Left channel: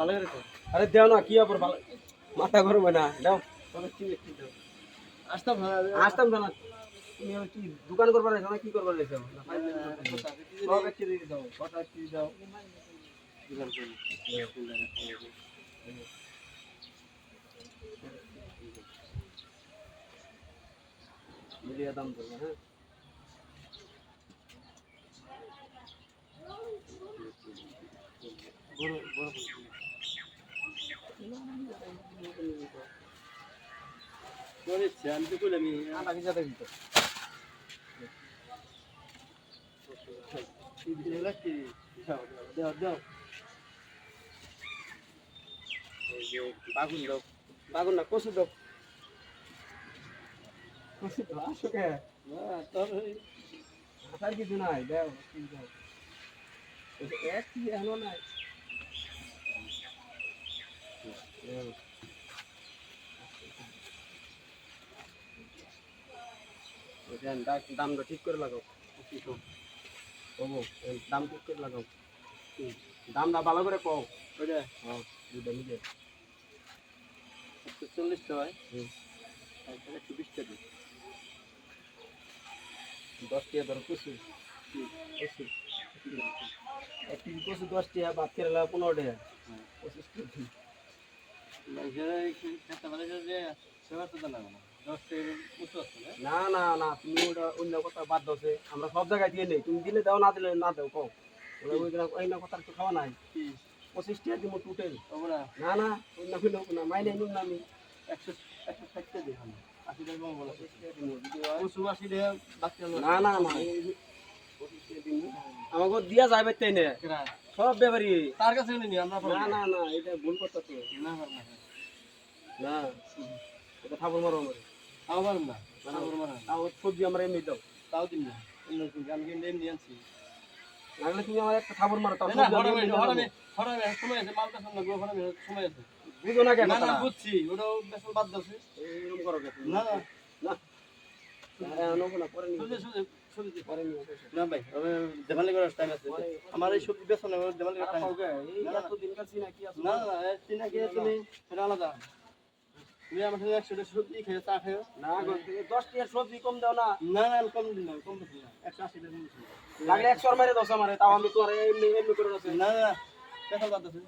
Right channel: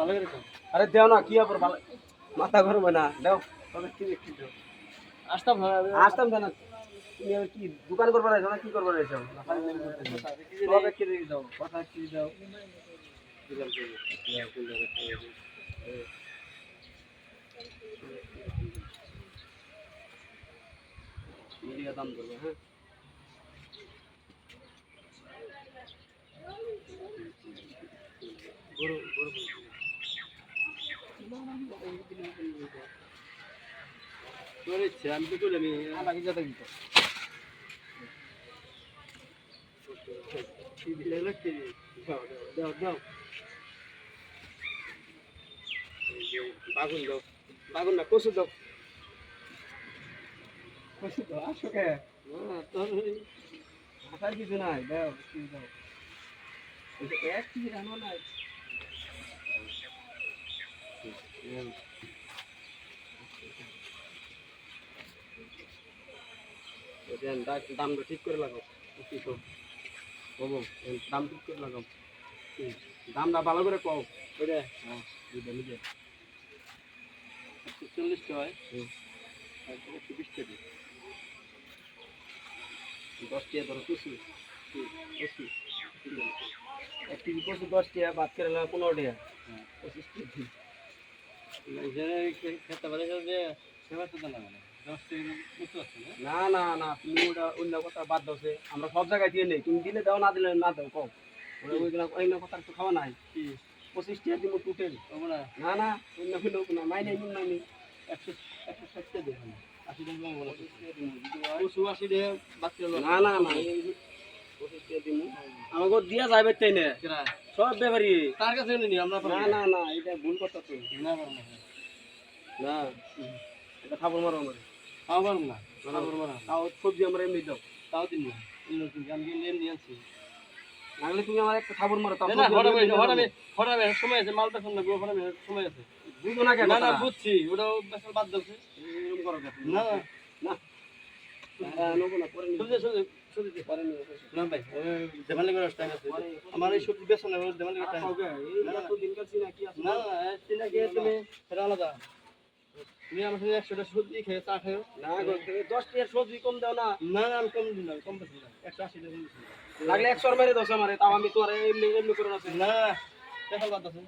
ভালো করে তো আরে দেও না কি আবার ভালো মাথা গরম হয় না দাও তবে কি একটু দাও আসতাম না আসতাম তো না তুমি আবার কি দোকান করবার আছো না কি করবার আছো না ফাইনাল করতেছো সব এক কেজি দাও কথা এক কেজি দাও দিলাম মিলিয়ে দাম করবো হ্যাঁ গরু গরু তোর ইচ্ছে আমি তো কইলাম বাকি কথা দিত কি দিলে লাগছে দাও দাও দাও এই যে বাগুন দাও বাগুন না কচু দাও কচু দাও আসো কে না তোর আসার কিছু নাই দাও কি দাও এক কেজি আনো নাই দামটা ঠিক করে লাগাও দাম ঠিক করে লাগাও দামটা ভালো করে কও ওইটা হ্যাঁ দুইটা নিজে 140 টাকা হয় আর 120 টাকা 10 টাকা ধরো কচু কচু 1 কেজি কচু 10 টাকা ভাত করে লাগাও 15 টাকা 25 টাকা খেতে পারে যে সেবা তো না 10 টাকা উঁচু আছে না না না না তুমি ওটা অন্য কথা বাদ দাও সে আমরা সব জায়গায় দিয়ে নেই তুমি দিলে দাও না দিলে না দাও কও ওরা ওই না কথা তো খাওয়া নাই 25 টাকা দিব টোটাল ওরা না না অন্য কোনো না মাইনে নিন না আমি 160 টাকা দেখানো 80 টাকা কম বলা 80 টাকা বাকি হলো না না না 25 টাকা দিব আমাকে দিয়া যাবে তাই না সব ব্যাপারই তার কাছে নিনি আমরা না না না এটা ভুল কথা তো না না এটা খাবার মারো আমার খাবার না খাবার মারা তাও সবজি আমরা এমনি দাও তাও দিন না অন্য দিন আমি লেন দিয়ে আনছি নাহলে তুমি আমার একটা খাবার মারো তাও না হরাবে সময় আছে মাল পেছন না গো হরাবে সময় আছে বুঝো না কেন না না বুঝছি ওটাও বেসন বাদ দাও এরকম করো কেন না না নেবো না পরে নিবো সবজি পরে নিবো না ভাই দেমালি করার টাইম আছে আমার এই সবজি বেসন না দেমালি করার টাইম এত দিন কাছি না কি আছে না না চিনা গিয়ে তুমি এটা আলাদা তুমি আমার সঙ্গে 100 টা সবজি খেয়ে চা খেয়ে না গো 10 টাকা সবজি কম দাও না না না আমি কম দিন না কম বেশি না 180 টাকা কম লাগলে 100 মেরে দাও আমারে তাও আমি তোমার এমনি এমনি করে না না না দেখা বাদ আছে